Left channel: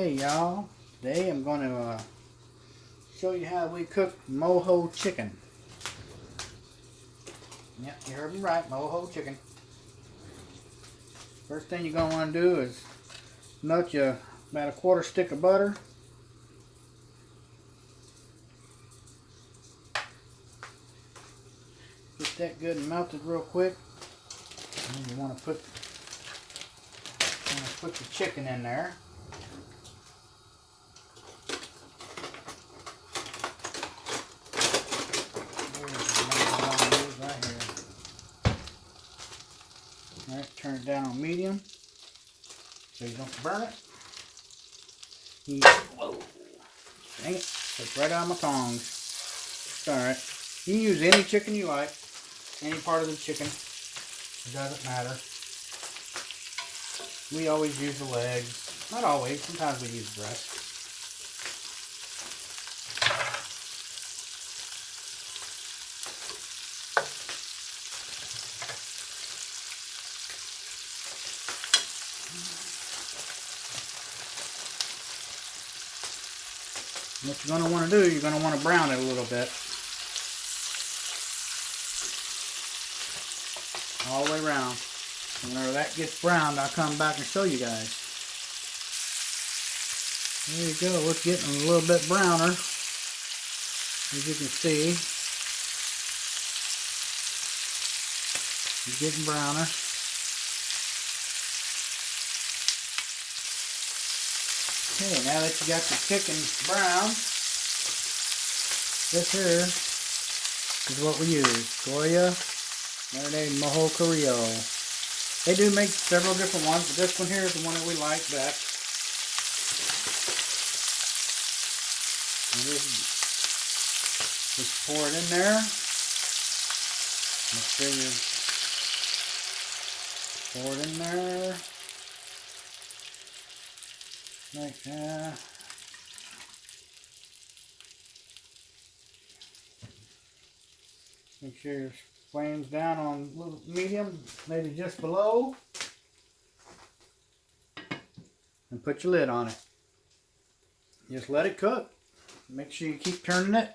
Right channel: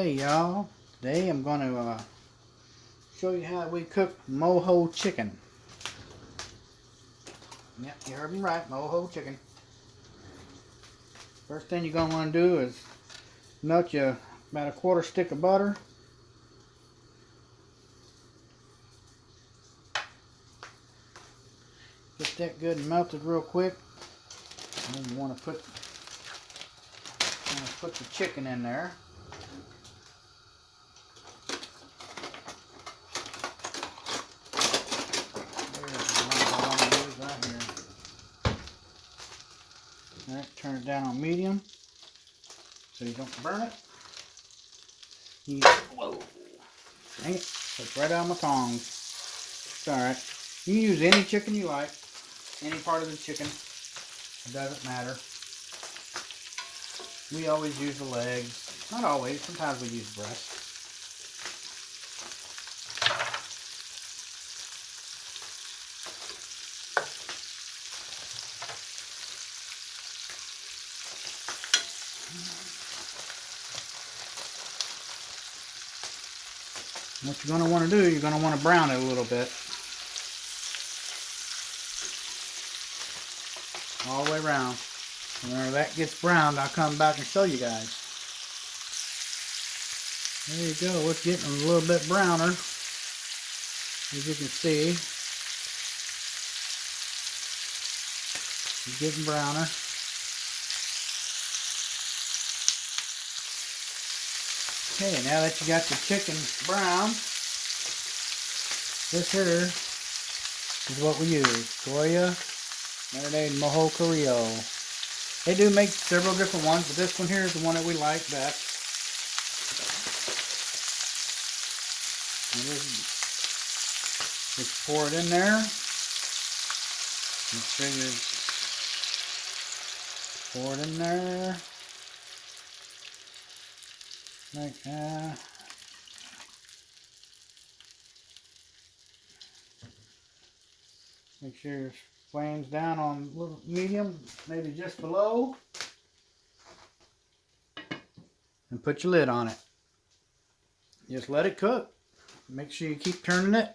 Okay, y'all. Today I'm going to show you how we cook Mojo Chicken. Yep, you heard me right, Mojo Chicken. First thing you're going to want to do is melt you about a quarter stick of butter. Get that good and melted real quick. And then you want to put the chicken in there. Alright, turn it down on medium so you don't burn it. Whoa. Dang it. It's right out of my tongs. It's alright. You use any chicken you like. Any part of the chicken. It doesn't matter. We always use the legs. Not always. Sometimes we use the breast. What you're going to want to do, you're going to want to brown it a little bit. All the way around. Whenever that gets browned, I'll come back and show you guys. There you go. It's getting a little bit browner. As you can see. It's getting browner. Okay, now that you got your chicken brown, this here is what we use. Soya, marinated Mojo Chicken. They do make several different ones, but this one here is the one that we like best. Just pour it in there. Make sure you pour it in there. Like that. Make sure your flame's down on little medium, maybe just below. And put your lid on it. Just let it cook. Make sure you keep turning it.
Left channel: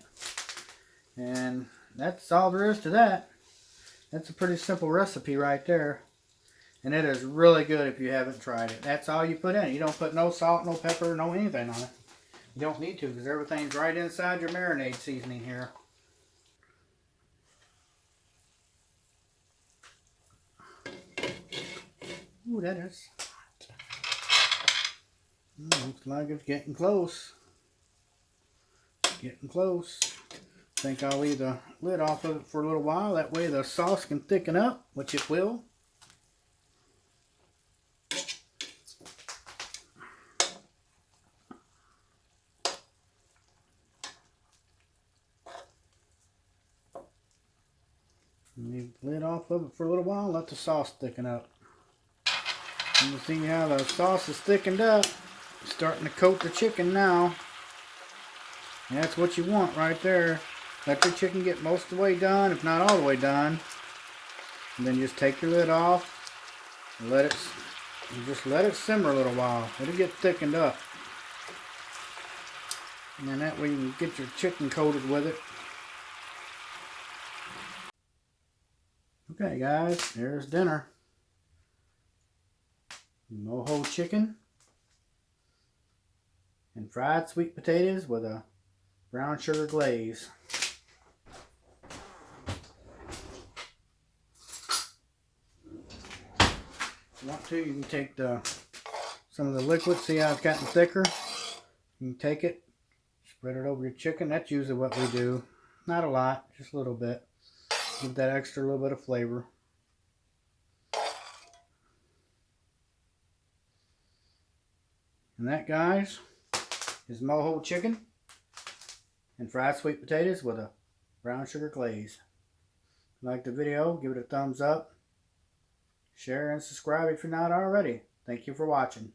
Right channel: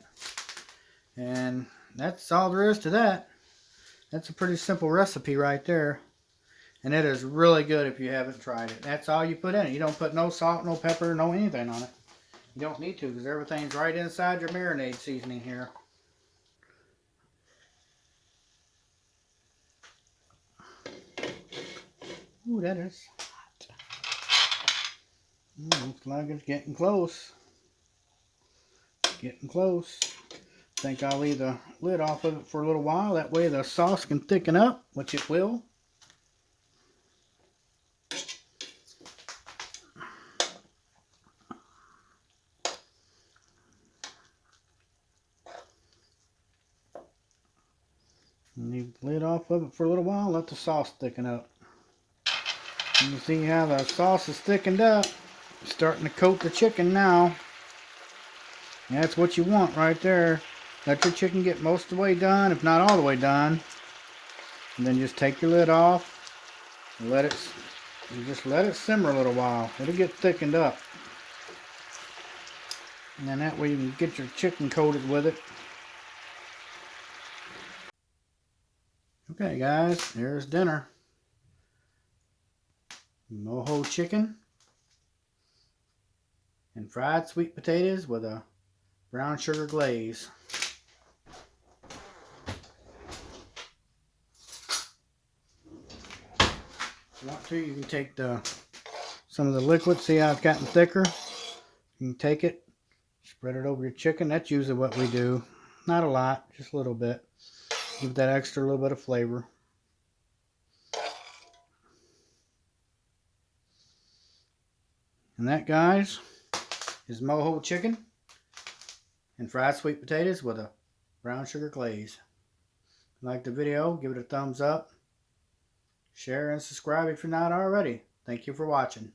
And that's all there is to that. That's a pretty simple recipe right there. And it is really good if you haven't tried it. That's all you put in it. You don't put no salt, no pepper, no anything on it. You don't need to because everything's right inside your marinade seasoning here. Ooh, that is hot. Looks like it's getting close. Getting close. I think I'll leave the lid off of it for a little while. That way the sauce can thicken up, which it will. Leave the lid off of it for a little while, let the sauce thicken up. And you see how the sauce is thickened up. It's starting to coat the chicken now. And that's what you want right there. Let your chicken get most of the way done, if not all the way done. And then just take your lid off and just let it simmer a little while. It'll get thickened up. And then that way you can get your chicken coated with it. Okay guys, there's dinner. Mojo chicken and fried sweet potatoes with a brown sugar glaze. If you want to, you can take some of the liquid, see how it's gotten thicker. You can take it, spread it over your chicken. That's usually what we do. Not a lot, just a little bit. Give that extra little bit of flavor. And that, guys, is Mojo chicken and fried sweet potatoes with a brown sugar glaze. If you like the video, give it a thumbs up. Share and subscribe if you're not already. Thank you for watching.